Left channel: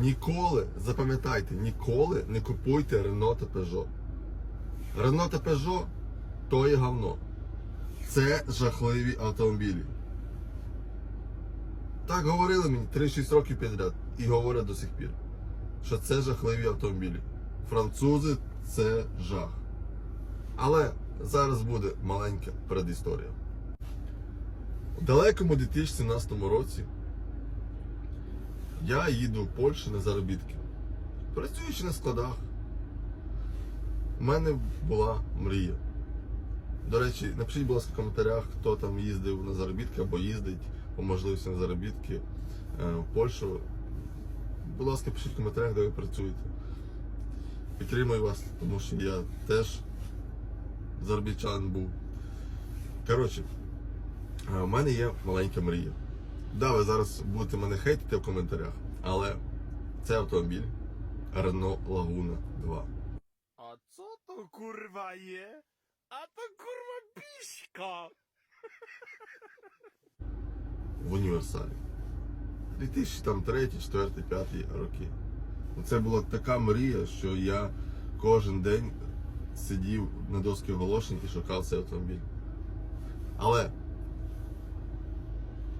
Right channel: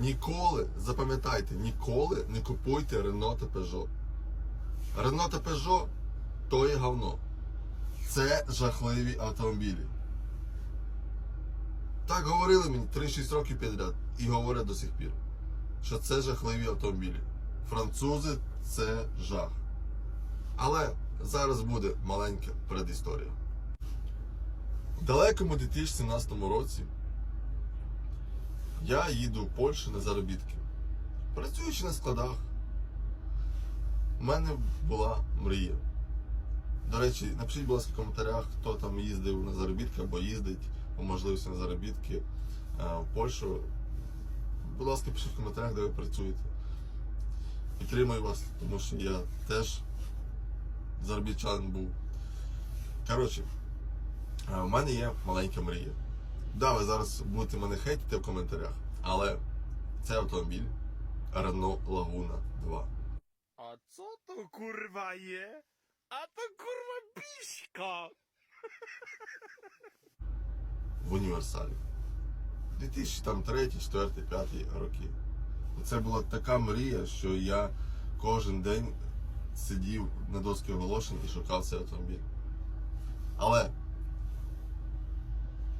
Ніколи, запам'ятайте, ніколи не купуйте Renault та Peugeot. Renault та Peugeot то є говно. Це жахливі автомобілі. Так говорили мені 3-6 років підряд і говорять до сих пір, що це жахливі автомобілі. Французи це жах. Але зараз буде маленька предісторія. У далекому 2017 році я їду в Польщу на заробітки. Працюючи на складах, у мене була мрія. До речі, напишіть, будь ласка, в коментарях, хто там їздив на заробітки або їздить по можливості на заробітки е, в Польщу. Будь ласка, пишіть в коментарях, де ви працюєте. Підтримую вас, тому що я теж заробітчанин був. Коротше, е, у мене є маленька мрія. Да, ви зараз будете мене хейтити в коментарях, але це автомобіль Renault Laguna 2. A co to kurwa je? A to kurwa piśka! в універсалі. 2003, 4, 5 роки. Це була така мрія, що я кожен день сидів на доски оголошень і шукав цей автомобіль. Але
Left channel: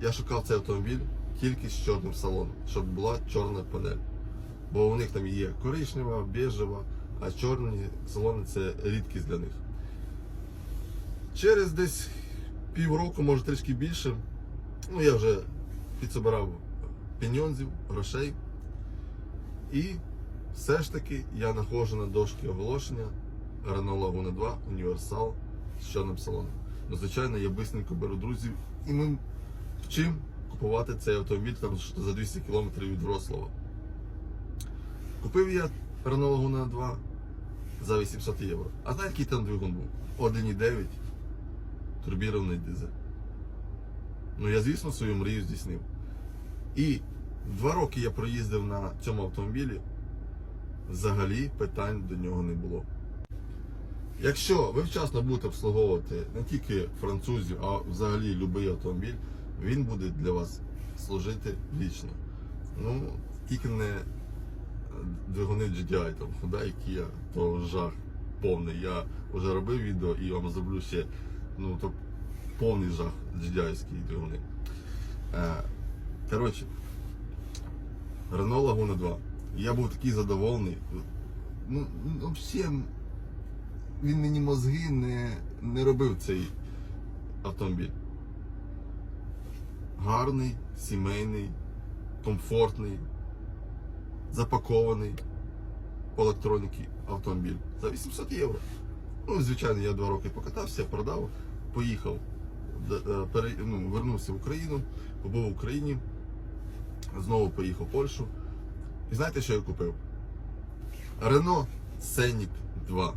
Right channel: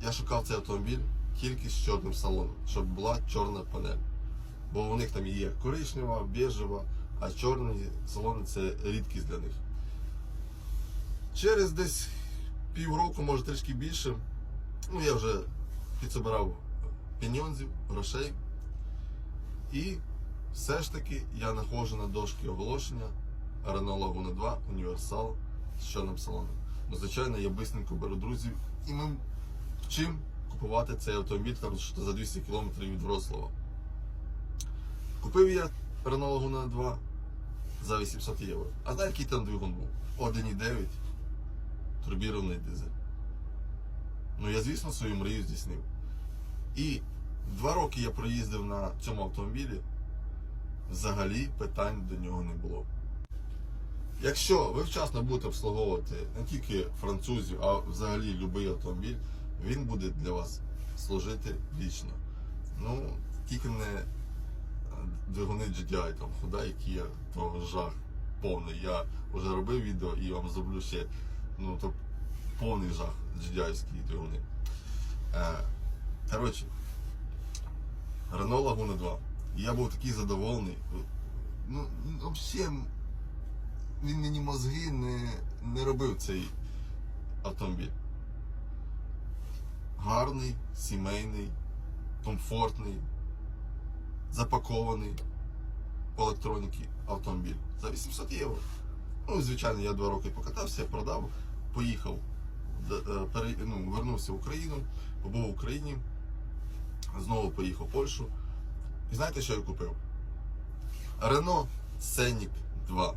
я шукав цей автомобіль тільки з чорним салоном, щоб була чорна панель. Бо у них там є коричнева, біжева, а чорні салони це рідкість для них. Через десь півроку, може трішки більше, ну я вже підсобирав пеньонзів, грошей. І все ж таки я знаходжу на дошки оголошення Renault Laguna 2 універсал з чорним салоном. Ну, звичайно, я бистренько беру друзів і ми вчимо купувати цей автомобіль там що за 200 км від Врослава. Купив я Renault Laguna 2 за 800 євро. А знаєте, який там двигун був? 1,9 турбірований дизель. Ну, я, звісно, свою мрію здійснив. І два роки я проїздив на цьому автомобілі. Взагалі питань до нього не було. Якщо ви вчасно будете обслуговувати не тільки французів, а взагалі будь-який автомобіль, він буде для вас служити вічно. Ну, тільки не двигуни GDI, там Hyundai, Kia, то жах повний. Я вже робив відео і вам зроблю ще ну, то повний жах GDI-ські двигуни. Е, коротше, Renault Laguna 2. Я був такий задоволений. Ну, ну, взагалі, він мені мозги не, не робив цей автомобіль. Гарний, сімейний, комфортний, запакований по електроніки автомобіль за 800 євро. Ну, звичайно, я два роки покатався, продав, поїхав, е, ну, вернувся в Україну, побув в Україні, знову поїхав в Польщу. І знаєте, що я купив? Renault Scenic 2.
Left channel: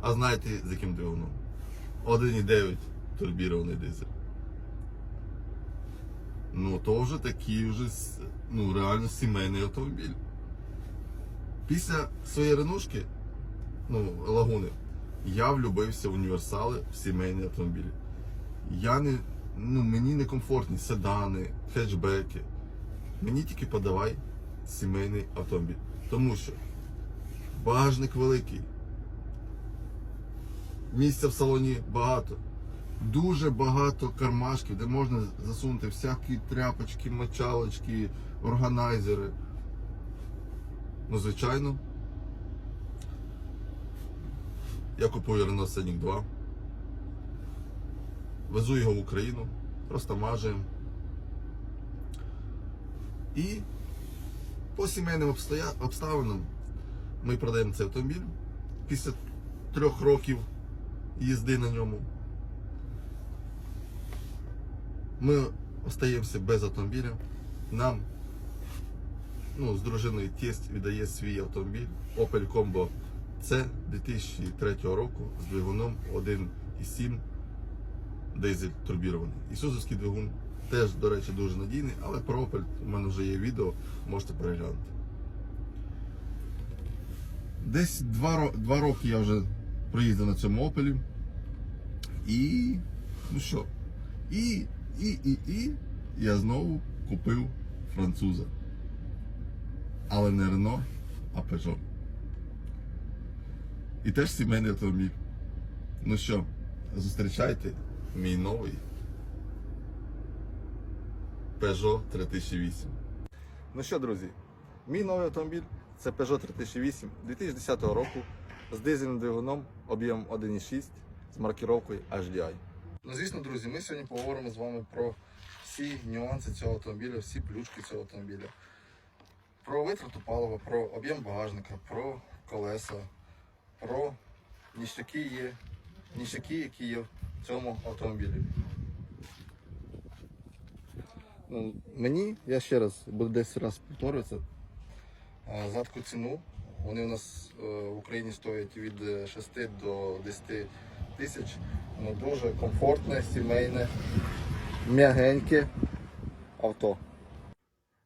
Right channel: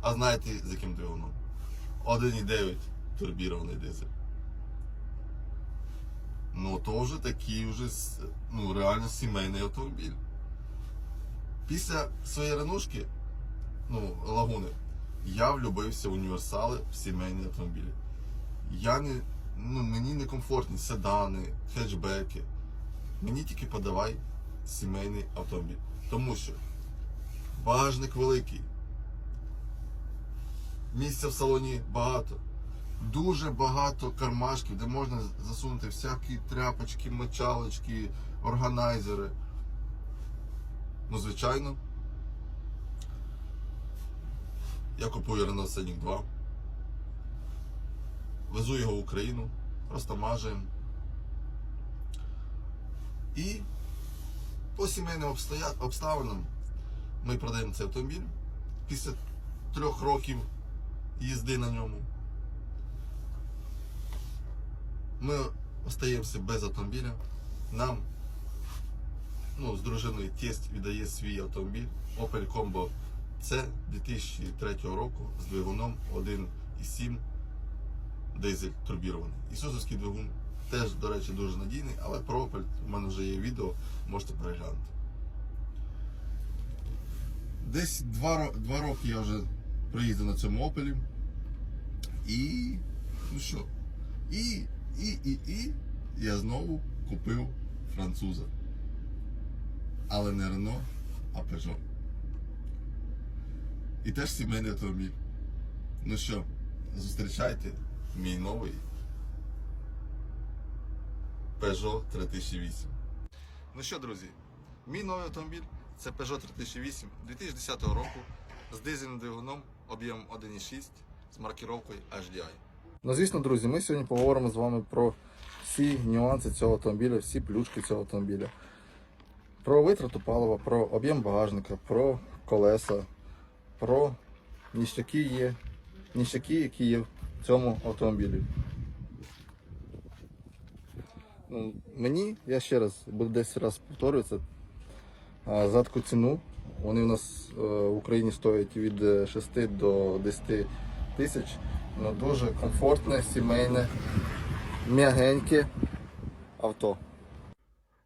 А знаєте, з яким двигуном? 1,9 турбірований дизель. Ну, то вже такий вже ну, реально сімейний автомобіль. Після своєї ренушки, ну, лагуни, я влюбився в універсали в сімейні автомобілі. Я не, ну, мені не комфортні седани, хетчбеки. Мені тільки подавай сімейний автомобіль. Тому що багажник великий. Місця в салоні багато. Дуже багато кармашків, де можна засунути всякі тряпочки, мочалочки, органайзери. Ну, звичайно. Я купую Renault Scenic 2. Везу його в Україну, просто розтамажуємо. І по сімейним обстоя... обставинам ми продаємо цей автомобіль після трьох років їзди на ньому. Ми остаємося без автомобіля. Нам ну, з дружиною тесть віддає свій автомобіль Opel Combo C 2003 року з двигуном 1,7 дизель турбірований. Ісусовський двигун теж, до речі, дуже надійний, але про Opel у мене вже є відео, можете переглянути. Десь два, два роки я вже проїздив на цьому Opel. І ну що? І, і, і, і я знову купив француза. Але не Рено, а Peugeot. І теж сімейний автомобіль. Ну що, зустрічайте мій новий Peugeot 3008. Ну що, друзі, мій новий автомобіль це Peugeot 3008 2010 року з дизельним двигуном об'ємом 1,6 з маркіровкою HDI. Ну, звісно, друзі, ми сьогодні поговоримо з вами про всі нюанси цього автомобіля, всі плюшки цього автомобіля. Про витрату палива, про об'єм багажника, про колеса, про ніщаки є, ніщаки, які є в цьому автомобілі. Ну, мені, я ще раз буду десь раз повторюватися, а, за таку ціну. Вони у нас е, в Україні стоять від е, 6 до 10 тисяч. Ну, дуже комфортне, сімейне, м'ягеньке авто.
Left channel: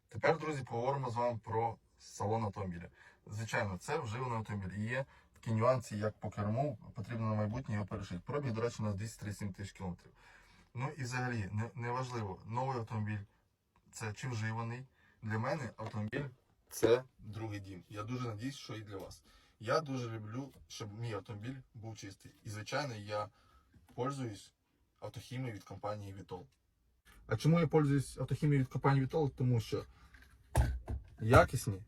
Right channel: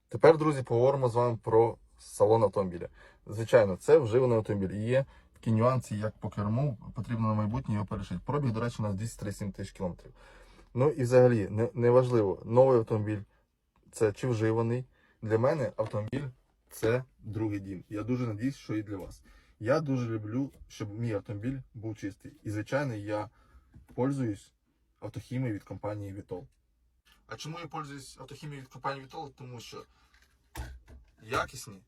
Тепер, друзі, поговоримо з вами про салон автомобіля. Звичайно, це вживаний автомобіль. І є такі нюанси, як по керму, потрібно на майбутнє його перешити. Пробіг, до речі, у нас 237 тисяч кілометрів. Ну і взагалі, не, не новий автомобіль це чи вживаний. Для мене автомобіль це другий дім. Я дуже надіюсь, що і для вас. Я дуже люблю, щоб мій автомобіль був чистий. І, звичайно, я пользуюсь автохімією від компанії Vitol. А чому я пользуюсь автохімією від компанії Vitol? Тому що якісні,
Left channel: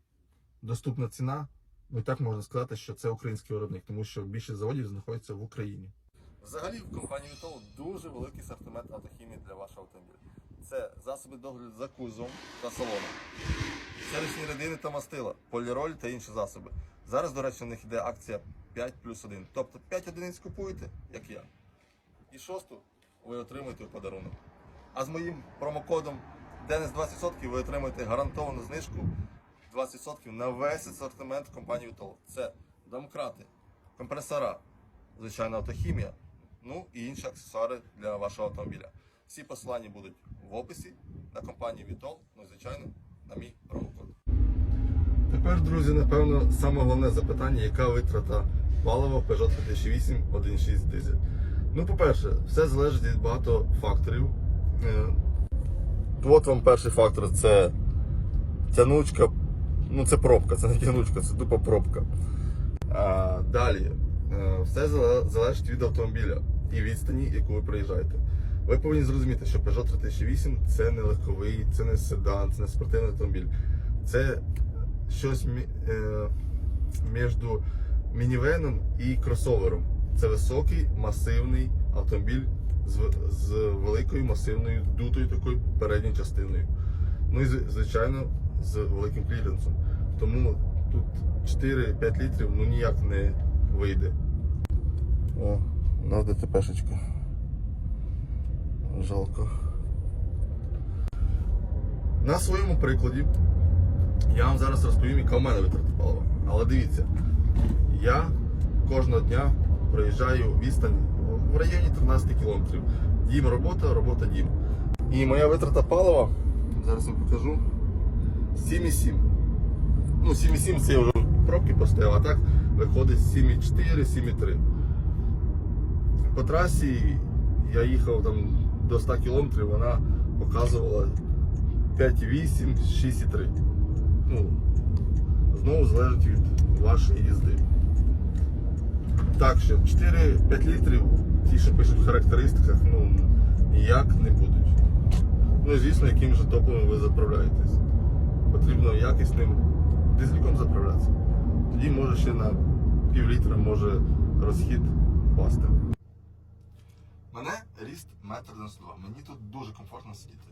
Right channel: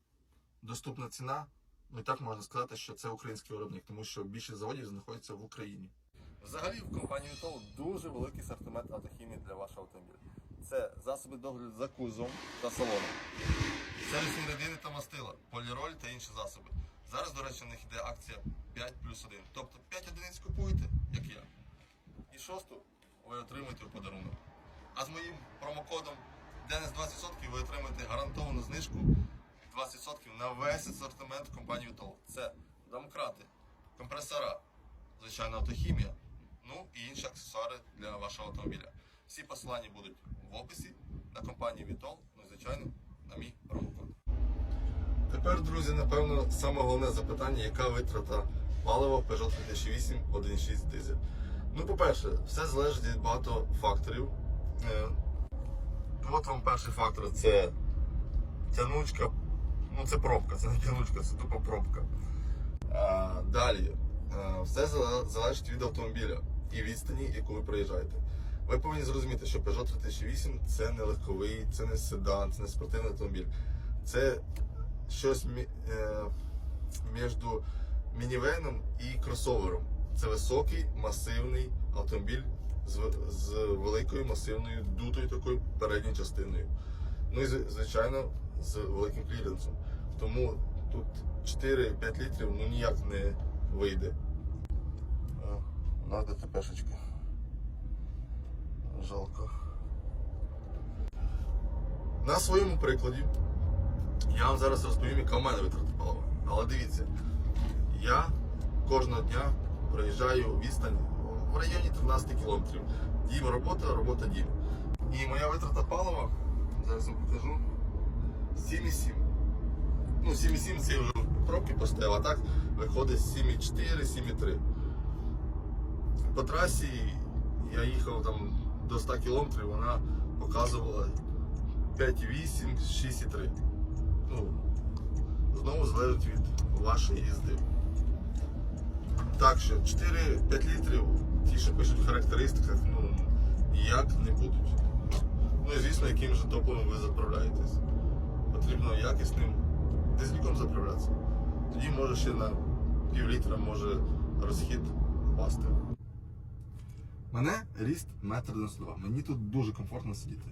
доступна ціна. Ну і так можна сказати, що це український виробник, тому що більшість заводів знаходиться в Україні. Взагалі в компанії Vitol дуже великий асортимент автохімії для вашого автомобіля. Це засоби догляду за кузовом та салоном, сервісні рідини та мастила, поліроль та інші засоби. Зараз, до речі, у них йде акція 5 плюс 1. Тобто 5 одиниць купуєте, як я. І шосту ви отримуєте в подарунок. А з моїм промокодом Денис 20% ви отримаєте гарантовану знижку 20% на весь асортимент компанії Vitol. Це домкрати, компресора, звичайно, автохімія, ну і інші аксесуари для вашого автомобіля. Всі посилання будуть в описі на компанію Vitol, ну і звичайно на мій промокод. Тепер, друзі, напевно, саме головне запитання, яка витрата палива Peugeot 3008 1.6 дизель. Ну, по-перше, все залежить від багато факторів. Е, От вам перший фактор це тянучка. Ну, це пробка, це не тянучка, це тупо пробка. А, далі, е, все залежить від автомобіля і відстані, яку ви проїжджаєте. Ви повинні зрозуміти, що Peugeot 3008 це не легковий, це не седан, це не спортивний автомобіль. Це щось е, між мінівеном і кросовером. Це високий масивний автомобіль з, з великою масивною дутою такою передньою частиною. Ну і звичайно з великим кліренсом. Тому тут 4-5 літрів ну ніяк не вийде. О, у нас ДТПшечка. Жалко. На своєму прикладі я вам зараз розповім, яка в мене витрата палива. Але дивіться, я кожного дня проїжджаю відстань в районі 13 кілометрів. Дім робота, робота дім. І моя витрата палива, зараз вам покажу, 7,7. Ну, 7,7 це я вже пробки поставив, а так виходить 7,4, 7,3. По трасі я їхав там до 100 кілометрів, вона показувала 5,8, 6,3. Ну, знову залежить від вашої їзди. Так що 4-5 літрів, ті, що пишуть в характеристиках, ну ніяк не будуть. Ну і звісно, яким же топливом ви заправляєтесь. Потрібно якісним дизельком заправлятися. Тоді може ще на пів літра може розхід пасти. Мене ріст 1,92 м. Мені тут дуже комфортно сидіти.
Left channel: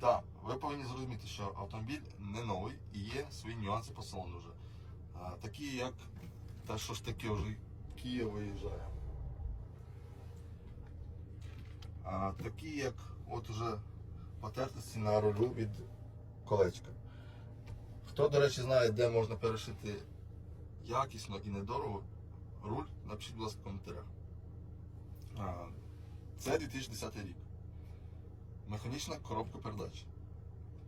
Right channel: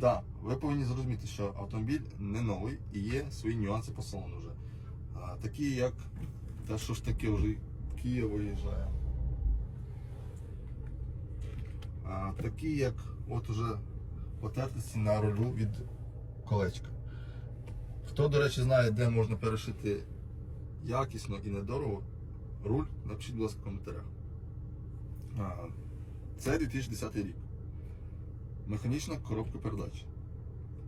Так, ви повинні зрозуміти, що автомобіль не новий і є свої нюанси по салону вже. А, такі як. Та що ж таке вже Київ виїжджає. А, такі як от уже потертості на рулю від колечка. Хто, до речі, знає, де можна перешити якісно і недорого руль, напишіть, будь ласка, в коментарях. А, це 2010 рік. Механічна коробка передач.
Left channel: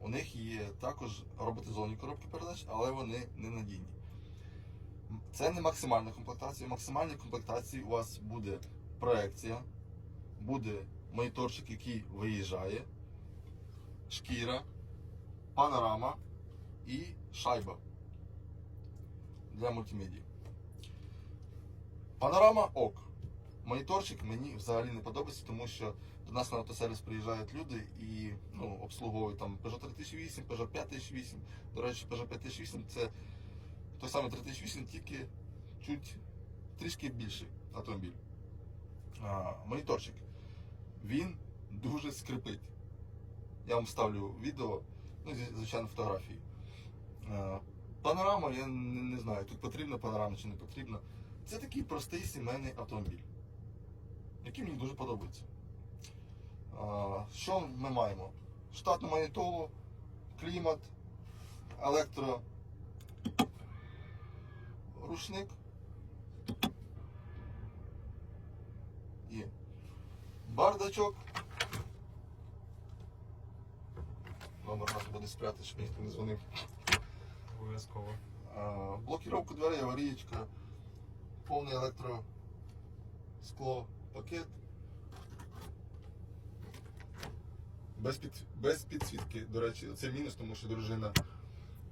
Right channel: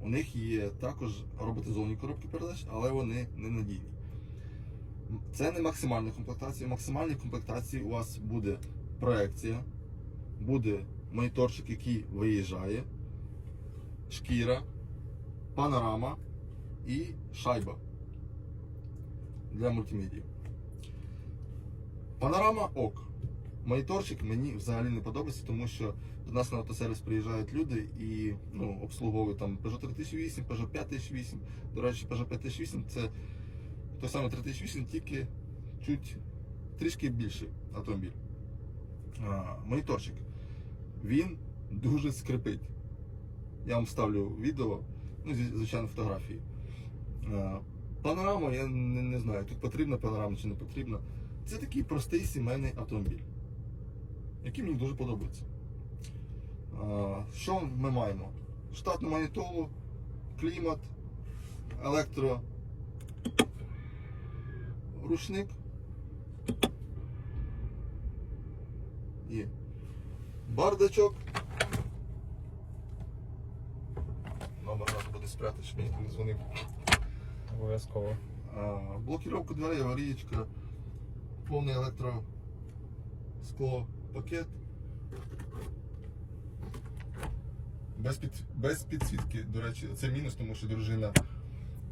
У них є також роботизовані коробки передач, але вони не надійні. Це не максимальна комплектація. В максимальній комплектації у вас буде проекція, буде моніторчик, який виїжджає, шкіра, панорама і шайба для мультимедії. Панорама ок. Моніторчик мені взагалі не подобається, тому що до нас на автосервіс приїжджають люди і ну, обслуговують там Peugeot 3008, Peugeot 5008. До речі, Peugeot 5008 це той самий 3008, тільки чуть трішки більший автомобіль. А, моніторчик. Він дуже скрипить. Я вам ставлю відео, ну, звичайно, фотографії. Е, Панорама, я не, не знаю, тут потрібна панорама чи не потрібна. Це такий простий сімейний автомобіль, який мені дуже подобається. Що ми маємо? Штатну манітолу, клімат, електро, рушник і бардачок. Номер треба буде спрятати, щоб мені не дзвонив. Обов'язково. А, Блокировка дверей, аварієчка, повний електро скло, пакет. Без, під, без підсвітки, до речі, це мінус, тому що дружина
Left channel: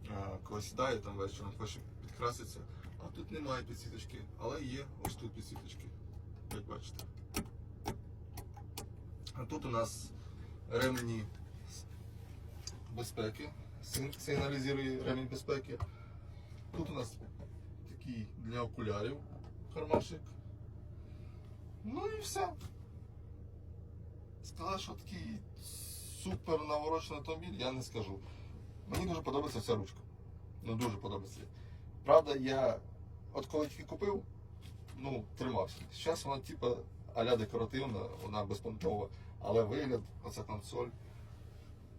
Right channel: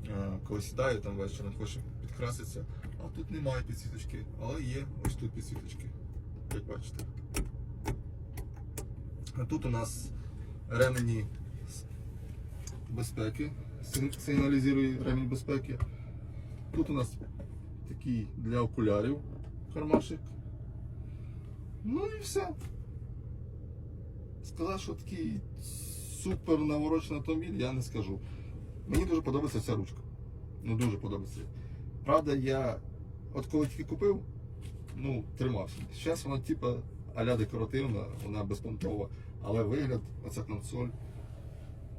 е, коли сідає там вечором, хоче підкраситися. А тут немає підсвіточки, але є ось тут підсвіточки, як бачите. А тут у нас ремені безпеки, сигналізує ремінь безпеки. Тут у нас такий для окулярів кармашик. Ну і все. Сказати, що такий супер наворочений автомобіль, я не скажу. Мені дуже подобається ця ручка. Ну дуже подобається. Правда, я от коли тільки купив, ну, тримався. Зараз вона типа аля декоративна, вона безпонтова, але вигляд, оця консоль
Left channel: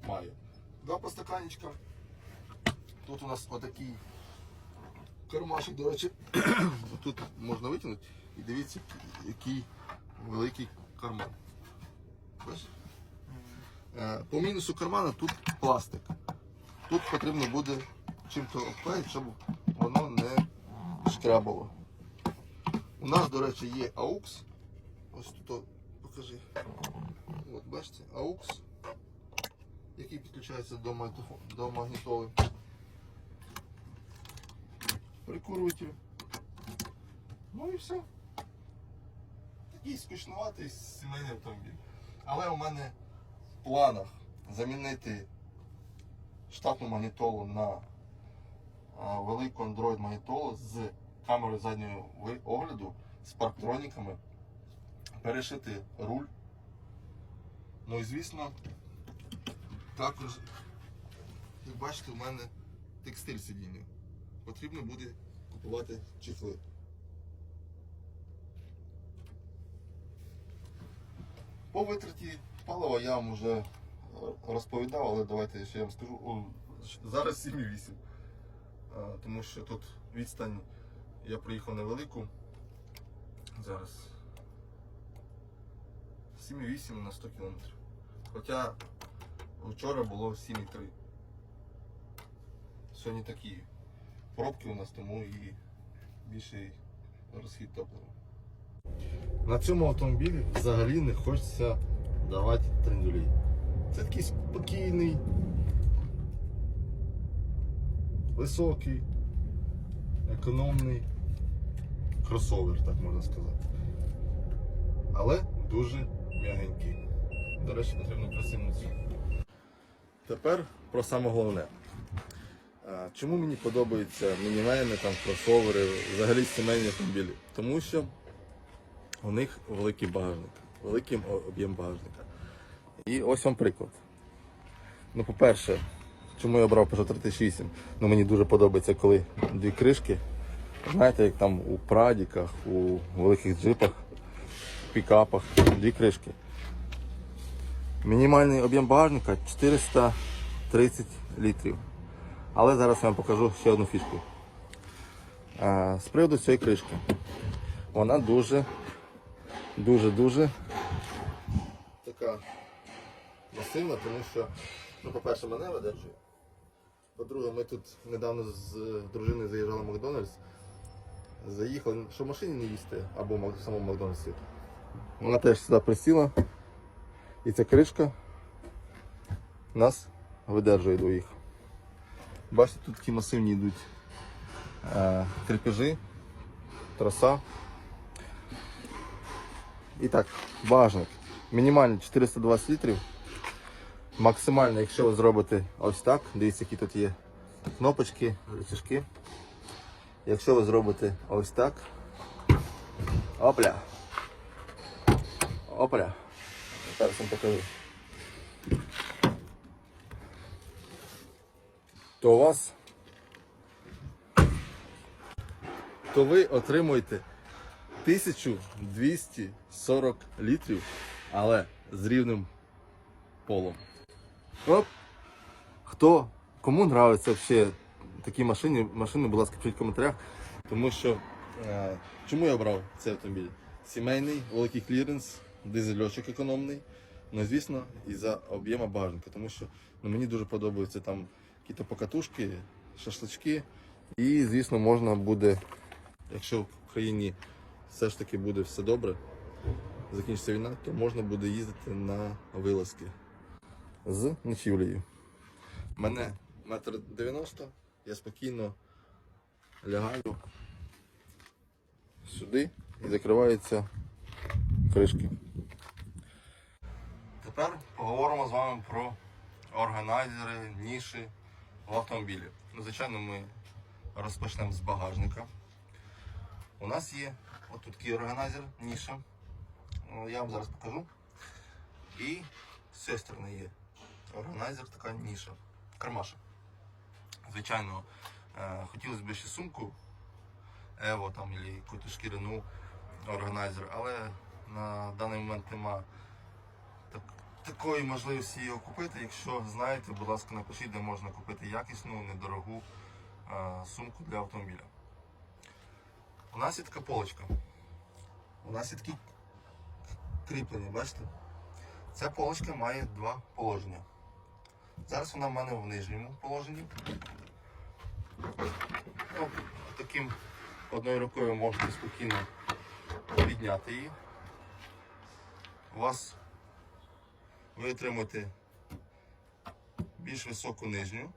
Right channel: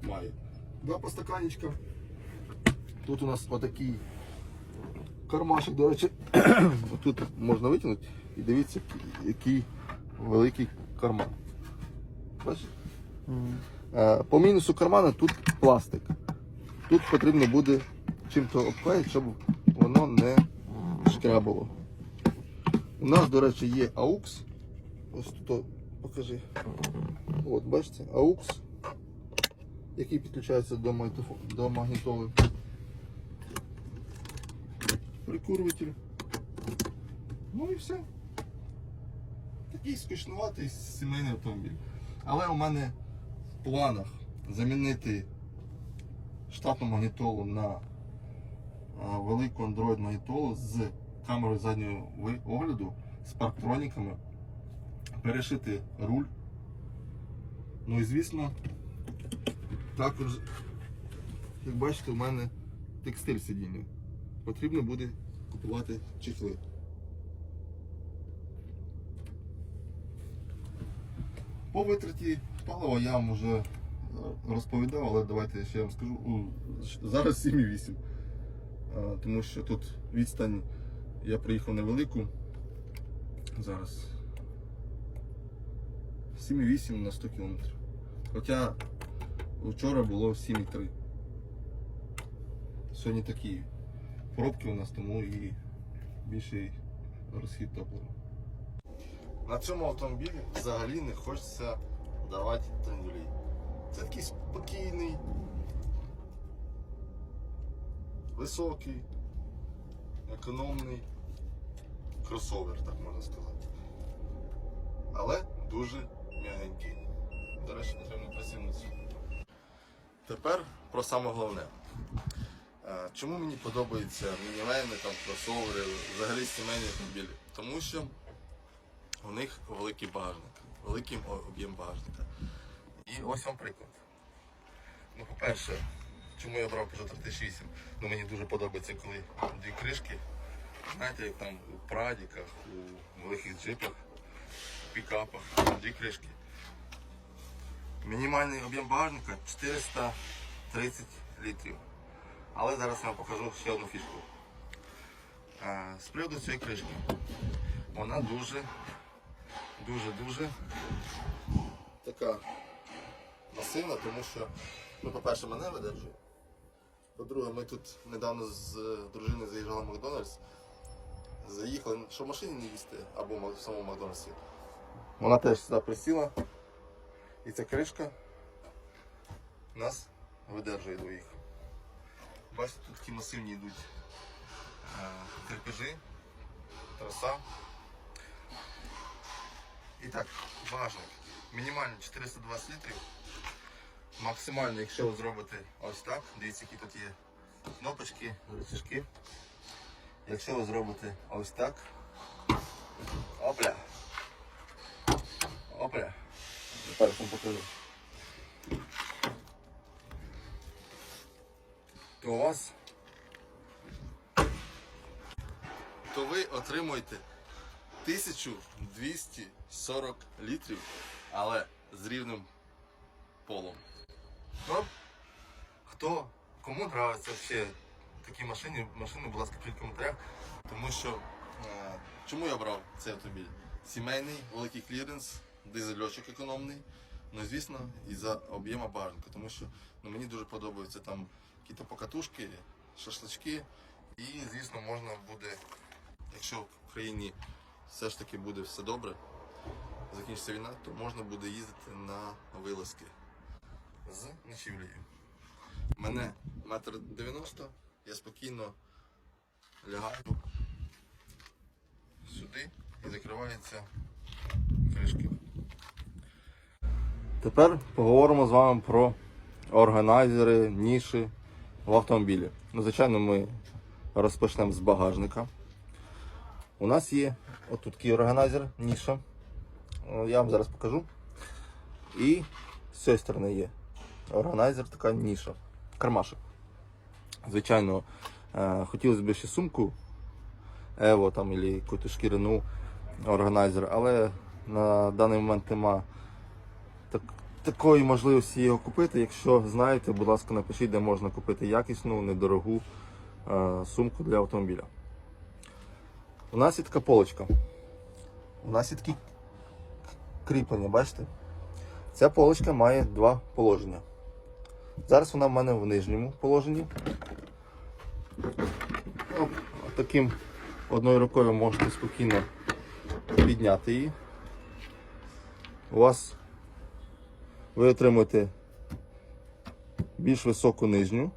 має. Два постаканечка. Тут у нас отакий кармашик, до речі, тут можна витягнути і дивіться, який- великий карман. Бачите? Е, По мінусу кармана тут пластик. Тут потрібно буде чим-то обклеїти, щоб воно не шкрябало. У нас, до речі, є AUX. Ось тут покажи. От, бачите, AUX, який підключається до, до магнітоли. Прикурюватель. Ну і все. Такий скучнуватий сімейний автомобіль. Але у мене в планах замінити штатну магнітолу на велику Android магнітолу з камерою заднього огляду, з парктроніками, перешити руль. Ну і звісно, також, як бачите, у мене текстиль сидіння. Потрібно буде купувати чехли. По витраті палива я вам вже е, розповідав, але давайте ще я вам скажу. О, Зараз 7,8. А, Тому що тут відстань я приїхав невелику. Зараз 7,8 на 100 км. Хоча вчора було 7,3. Сьогодні такі пробки у нас, тому і більший розхід топлива. На цьому автомобілі взагалі не хочеться давати трендюлей. Це такий спокійний, високий, економний кросовер, так можна сказати. Але дуже м'ягенький. До речі, потрібно присягнутися. Тепер про саме головне. Чому мені подобаються мінівени, там, кросовери, взагалі сімейні автомобілі? Тому що у них великий багажник, великий об'єм багажника. І ось вам приклад. Ну, по-перше, чому я обрав Peugeot 308? Ну, мені дуже подобається, коли дві кришки. Знаєте, як там у прадіках, у великих джипах, пікапах, дві кришки. Мінімальний об'єм багажника 430 літрів. Але зараз я вам покажу ще одну фішку. З приводу цієї кришки. Вона дуже, дуже, дуже така масивна, тому що, ну, по-перше, мене видержує. По-друге, ми тут недавно з дружиною заїжджали в Макдональдс. Заїхали, що в машині не їсти, або в самому Макдональдсі. Вона теж сюди присіла. І ця кришка нас видержує двоїх. Бачите, тут такі масивні йдуть е, крепежі, троса. І так, багажник. Мінімально 420 літрів. Максимально, якщо ви зробите ось так, дивіться, які тут є кнопочки, рычажки. Якщо ви зробите ось так. Опля. Опля. Зараз вам покажу. То у вас то ви отримуєте 1240 літрів, але з рівним полом. Оп. Хто, кому нравиться взагалі такі машини, машини, будь ласка, пишіть в коментарях. Тому що е, чому я обрав цей автомобіль? Сімейний, великий кліренс, дизельочок економний. Ну, звісно, і за об'єма багажника, тому що ну, мені дуже подобаються там якісь покатушки, шашлички. І, звісно, можна буде, якщо в країні все ж таки буде все добре, закінчиться війна, то можна буде їздити на вилазки з ночівлею. Мене метр дев'яносто, я спокійно лягаю сюди і закриваються кришки. Тепер поговоримо з вами про органайзери, ніші в автомобілі. Ну, звичайно, ми розпочнемо з багажника. У нас є отут такий органайзер, ніша. Я вам зараз покажу. І з цієї сторони є органайзер, така ніша, кармашок. Звичайно, е, хотілося б ще сумку Evo там, або якусь шкіряну органайзер, але на даний момент нема такої можливості його купити. Якщо знаєте, будь ласка, напишіть, де можна купити якісну, недорогу е, сумку для автомобіля. У нас є така полочка. У нас є такі кріплення, бачите? Ця полочка має два положення. Зараз вона в мене в нижньому положенні. Оп, Таким одною рукою можете спокійно підняти її. У вас ви отримуєте більш високу нижню.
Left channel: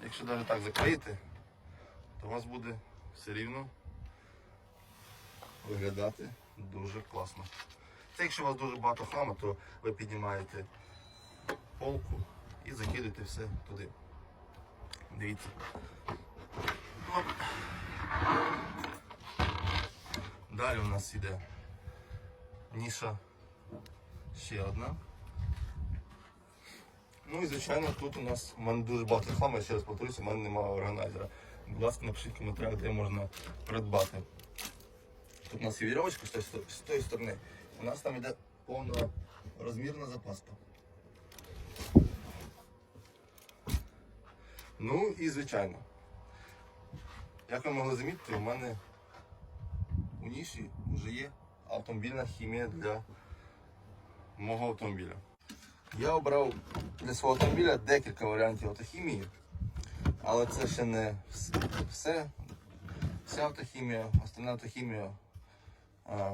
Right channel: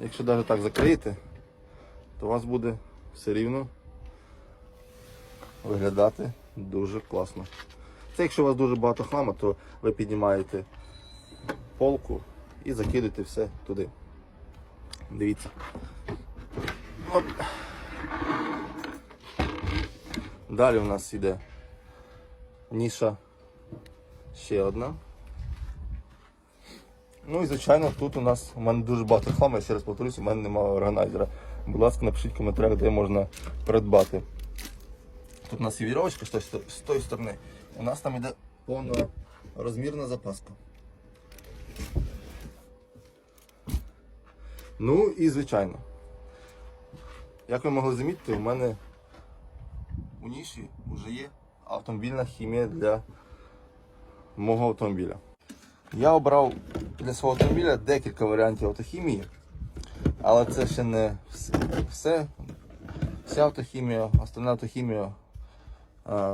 Якщо навіть так закриєте, то у вас буде все рівно виглядати дуже класно. Це якщо у вас дуже багато хлама, то ви піднімаєте полку і закидуєте все туди. Дивіться. Оп. Далі у нас йде ніша ще одна. Ну і звичайно тут у нас у мене дуже багато хламу, я ще раз повторюсь, у мене немає органайзера. Будь ласка, напишіть в коментарях, де можна придбати. Тут у нас є вірьовочка з тої з тої сторони. У нас там йде повнорозмірна запаска. Ну і звичайно. Як ви могли замітити, у мене у ніші вже є автомобільна хімія для мого автомобіля. Я обрав для свого автомобіля декілька варіантів автохімії, але це ще не все. Вся автохімія, остальна автохімія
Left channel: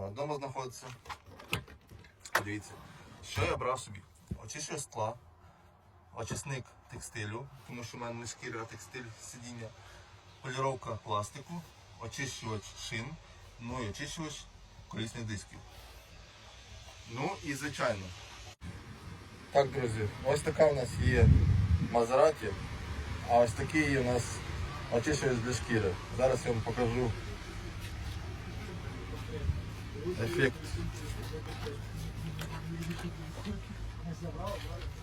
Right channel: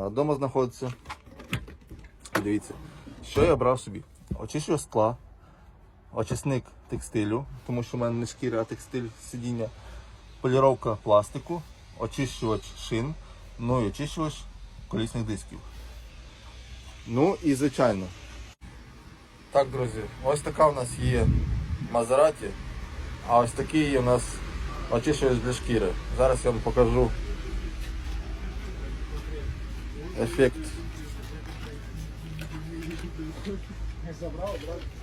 вдома знаходиться. Дивіться, що я брав собі? Очищувач скла, очисник текстилю, тому що в мене не шкіра, а текстиль сидіння, поліровка пластику, очищувач шин, ну і очищувач колісних дисків. Ну і звичайно. Так, друзі, ось така у нас є Мазераті, а ось такий є у нас очищувач для шкіри. Зараз я вам покажу ефект.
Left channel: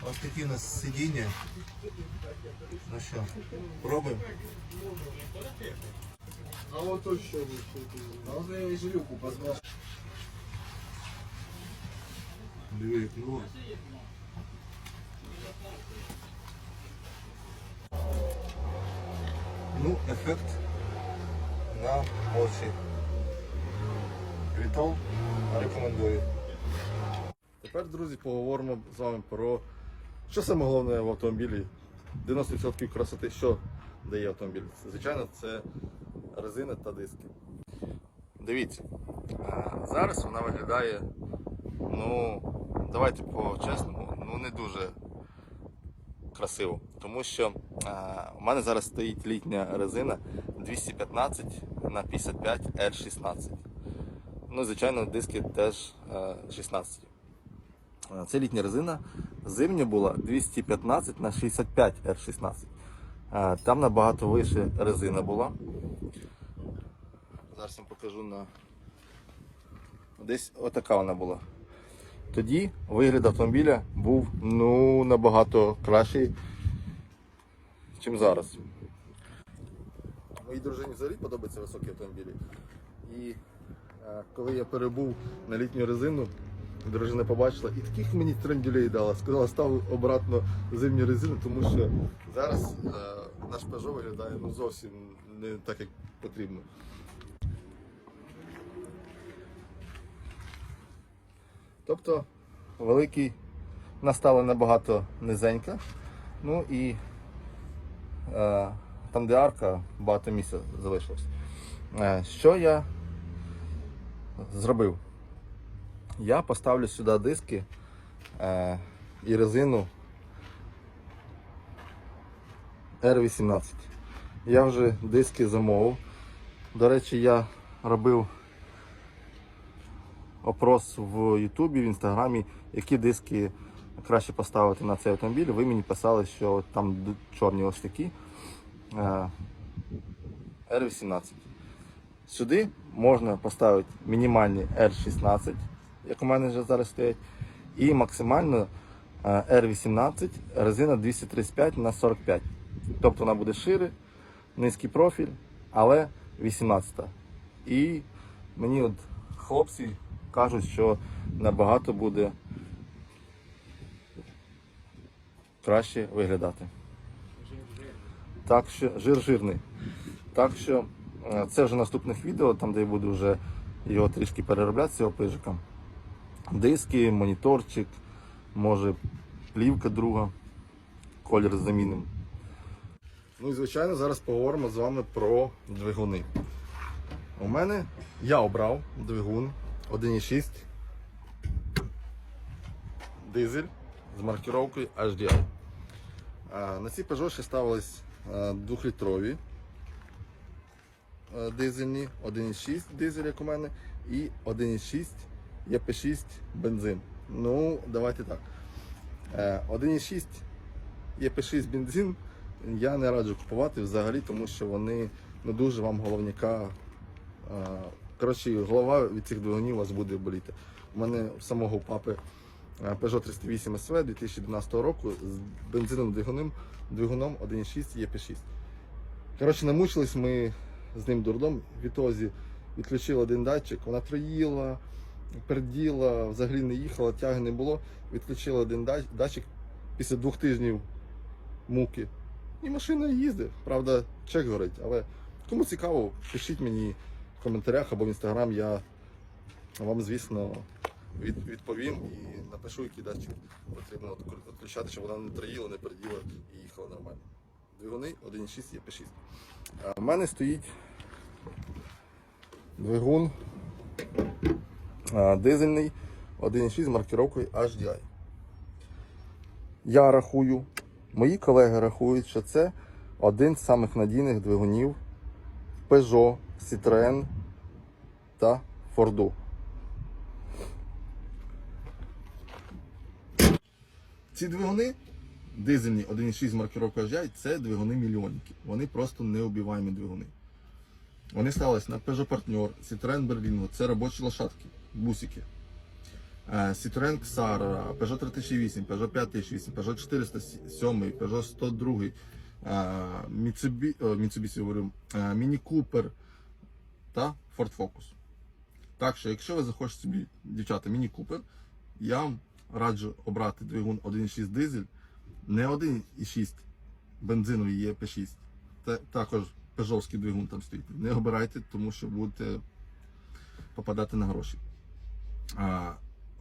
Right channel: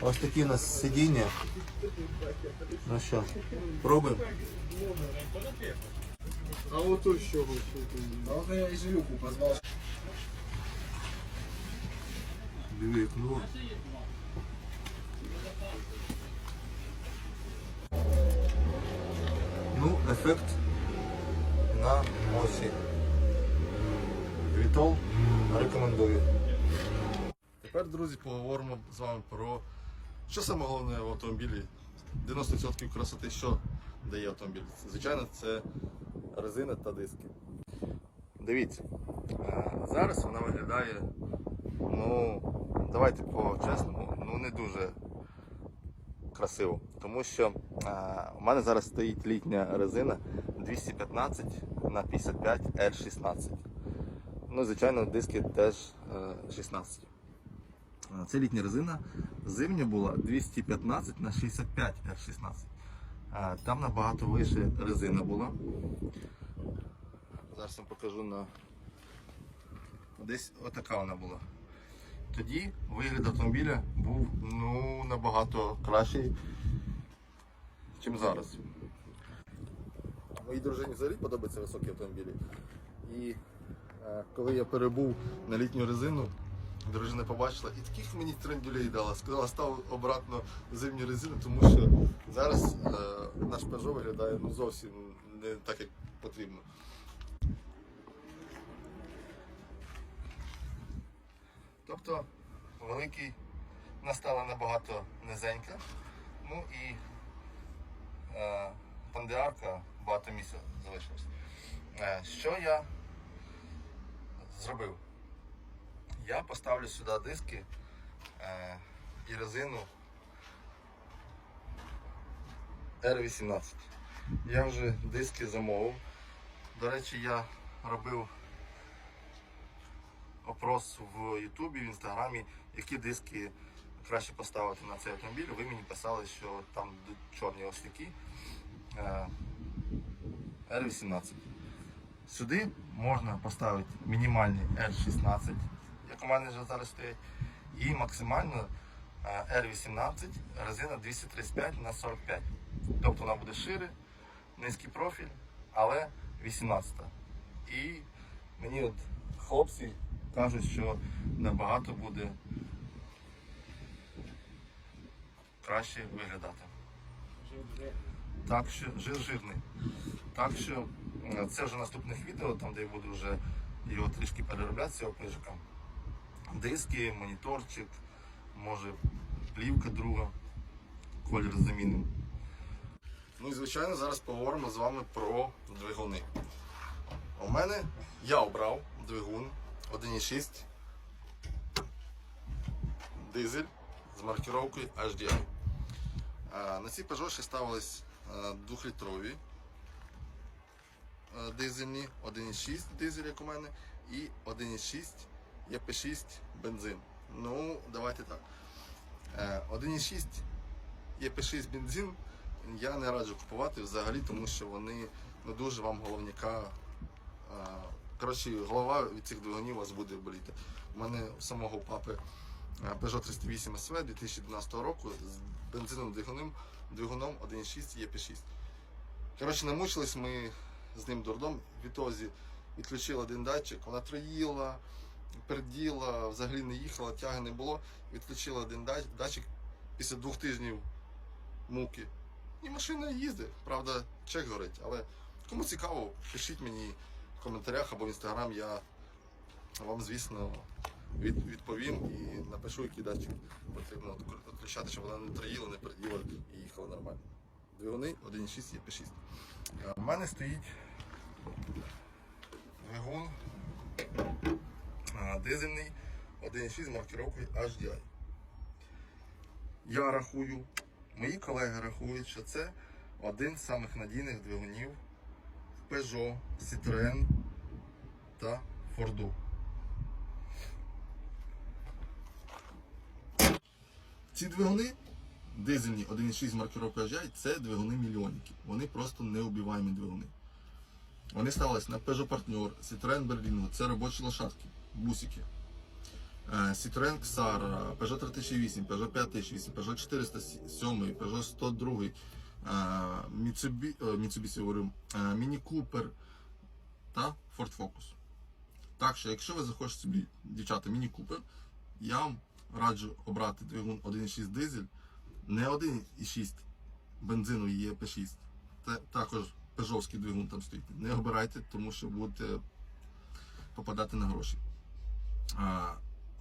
Ось такі у нас сидіння. Ну що, пробуємо. А вот то что вы Надо я и Жилюку позвал. Диви, як мило. Ну, ефект на очі. Вітол рекомендую. Тепер, друзі, поговоримо з вами про що саме головне в автомобілі. 90% красоти, що дає автомобіль. Звичайно, це резина та диски. Дивіться, зараз вона виглядає, ну, давайте по-чесному, ну не дуже красиво. Тому що а, у мене зараз стоїть літня резина 215 на 55 R16. Ну, звичайно, диски теж е, 16. Е, Це літня резина. Зимня була 215 на 65 R16. Е, Там набагато вище резина була. Зараз я вам покажу на. Десь отака вона була. Тоді вигляд автомобіля був ну, набагато кращий, ніж зараз. Моїй дружині взагалі подобаються високі автомобілі. І е, коли я перебув на літню резину, дружина побачила і таких мені трендюлей дала. Сказала, став обратно зимню резину, тому що зараз е, наш Peugeot виглядає ну, зовсім не так, як потрібно. Тобто великий вона стала набагато низенька. Ну і е, там, де арка, багато місця залишилось. Е, що я зробив? Я поставлю сюди диски е, і резину R18. Я вже диски замовив. До речі, я робив опрос в Ютубі, в Інстаграмі, які диски краще поставити на цей автомобіль. Ви мені писали, що там чорні ось такі. е, R18. Сюди можна поставити мінімальний R16, як у мене вже зараз стоять, і максимально е, R18 резина 235 на 45. Тобто вона буде шире, низький профіль, але 18. І мені от хлопці кажуть, що набагато буде краще виглядати. Так що жир жирний. Так що е, це вже наступних відео, там де я буду вже його трішки переробляти, цього пижика. Диски, моніторчик, може плівка друга, колір замінимо. Ну і звичайно зараз поговоримо з вами про двигуни. У мене я обрав двигун 1.6 дизель з маркировкою HDI. На ці Peugeot ще ставились а, двохлітрові а, дизельні, 1.6 дизель, як у мене, і 1.6 ЄП6 бензин. Ну, давайте так. Е, 1.6 ЄП6 бензин я не раджу купувати взагалі, тому що вони ну, дуже вам головняка. Коротше, голова від цих двигунів у вас буде боліти. У мене у самого папи е, Peugeot 308 SV 2012 року з бензиновим двигуном, двигуном 1.6 ЄП6. Коротше, намучились ми з ним дурдом. Відтоді відключили один датчик, вона троїла, перділа, взагалі не їхала, тяги не було. Відключили один датчик після двох тижнів муки. І машина їздить. Правда, чек горить. Але кому цікаво, пишіть мені в коментарях або в інстаграм. Я вам, звісно, від, відповім і напишу, який датчик потрібно відключати, щоб вона не троїла, не перділа і їхала нормально. Двигуни 1.6 є 6 У мене стоїть двигун дизельний 1.6 з маркировкою HDI. Я рахую, мої колеги рахують, що це один з самих надійних двигунів в Peugeot, Citroën та Ford. Ці двигуни, дизельні 1.6 з маркировкою HDI, це двигуни мільйонники. Вони просто неубиваємі двигуни. Вони ставились на Peugeot Partner, Citroën Berlingo, це робочі лошадки, бусики. Е, Citroën Xara, Peugeot 3008, Peugeot 5008, Peugeot 407, Peugeot 102, е, Mitsubishi, Mitsubishi е, Mini Cooper та Ford Focus. Так що, якщо ви захочете собі, дівчата, Mini Cooper, я вам раджу обрати двигун 1.6 дизель, не 1.6 бензиновий ЄП6, та, також пежовський двигун там стоїть. Не обирайте, тому що будете попадати на гроші. А,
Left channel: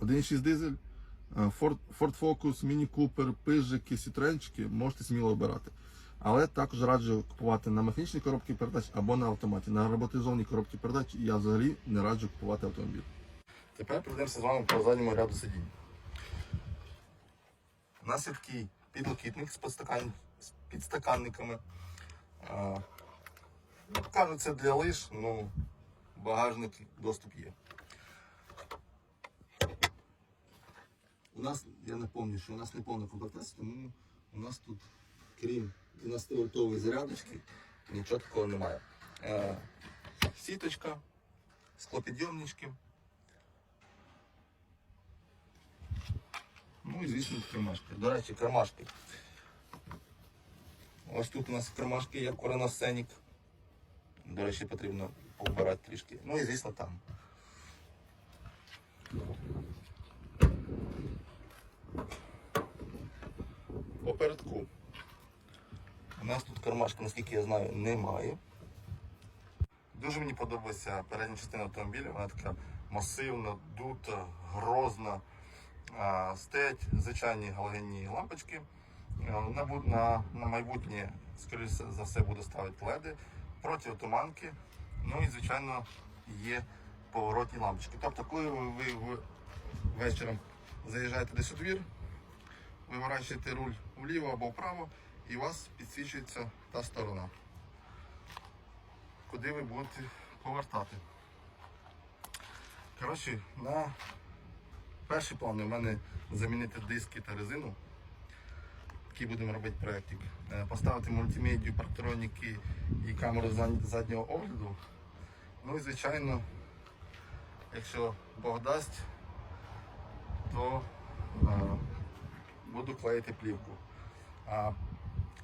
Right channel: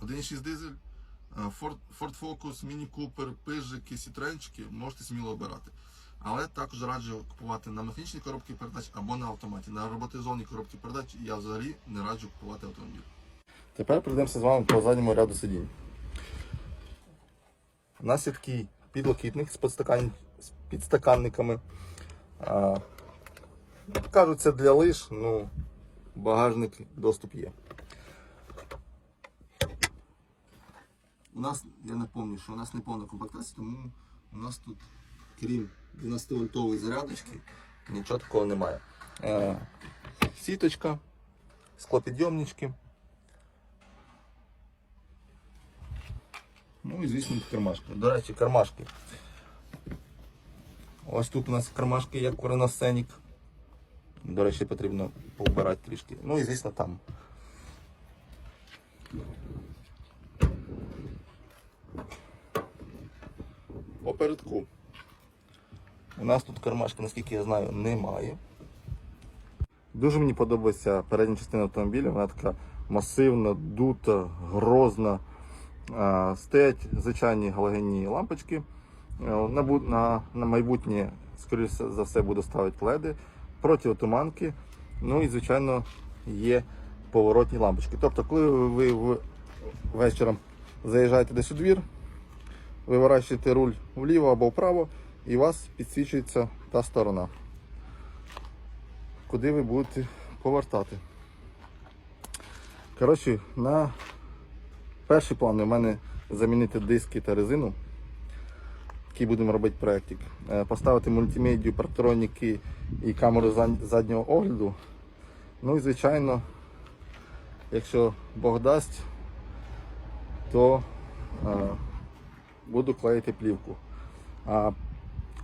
1.6 дизель, Ford, Ford Focus, Mini Cooper, пижики, сітренчики можете сміло обирати. Але також раджу купувати на механічній коробці передач або на автоматі. На роботизованій коробці передач я взагалі не раджу купувати автомобіль. Тепер пройдемося з вами по задньому ряду сидінь. У нас є такий підлокітник з подстакан... з підстаканниками. А, кажуть, це для лиш, ну, багажник доступ є. У нас, я напомню, що у нас не повна комплектація, тому у нас тут, крім 12-вольтової зарядочки, нічого такого немає. Е, сіточка, склопідйомнички. Ну і звісно кармашки. До речі, кармашки. Ось тут у нас кармашки, як коронасценік. До речі, потрібно повбирати трішки. Ну і звісно там. Попередку. У нас тут кармашки, наскільки я знаю, немає. Дуже мені подобається передня частина автомобіля. Вона така масивна, дута, грозна. Стоять звичайні галогенні лампочки. Е, На, на, на майбутнє, скоріше за все, буду ставити леди, протиотуманки. Ну і, звичайно, є поворотні лампочки. Тобто, коли ви в- вечором заїжджаєте десь у двір, виворачуєте руль вліво або вправо, і у вас підсвічується та сторона, куди ви будете повертати. Коротше, на перший план у мене замінити диски та резину, який будемо робити проєктик. Е, Поставити мультимедію, парктроніки і камеру заднього огляду. Ну і звичайно, якщо Бог дасть, то е, буду клеїти плівку. А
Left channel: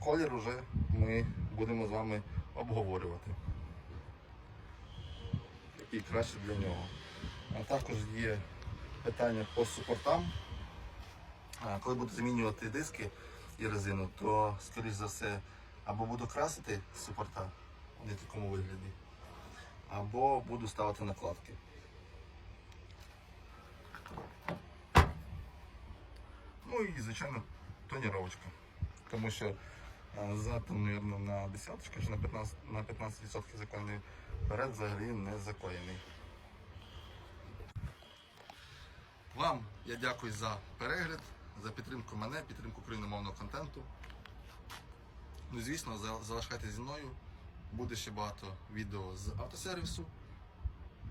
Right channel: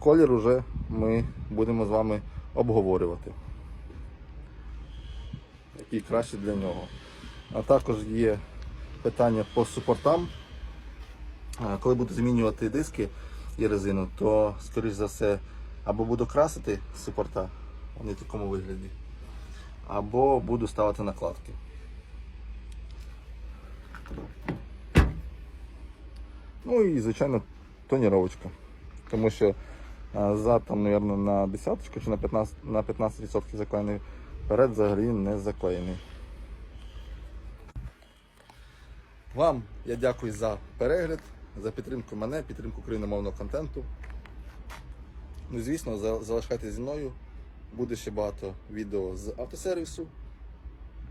колір уже ми будемо з вами обговорювати. Який краще для нього. А також є питання по супортам. Коли буду змінювати диски і резину, то, скоріш за все, або буду красити супорта, вони в такому вигляді, або буду ставити накладки. Ну і, звичайно, тоніровочка. Тому що а, зад там, мабуть, на десяточку чи на 15%, на 15% заклеєний, перед взагалі не заклеєний. Вам я дякую за перегляд, за підтримку мене, підтримку україномовного контенту. Ну звісно, за- залишайтеся зі мною. Буде ще багато відео з автосервісу,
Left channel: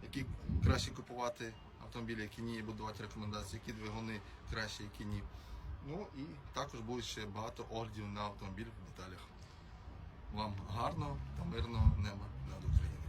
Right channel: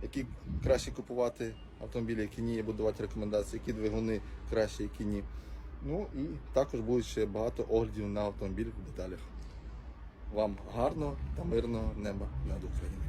які краще купувати автомобілі, які ні, я буду давати рекомендації, які двигуни краще, які ні. Ну і також буде ще багато оглядів на автомобіль в деталях. Вам гарного та мирного неба над Україною.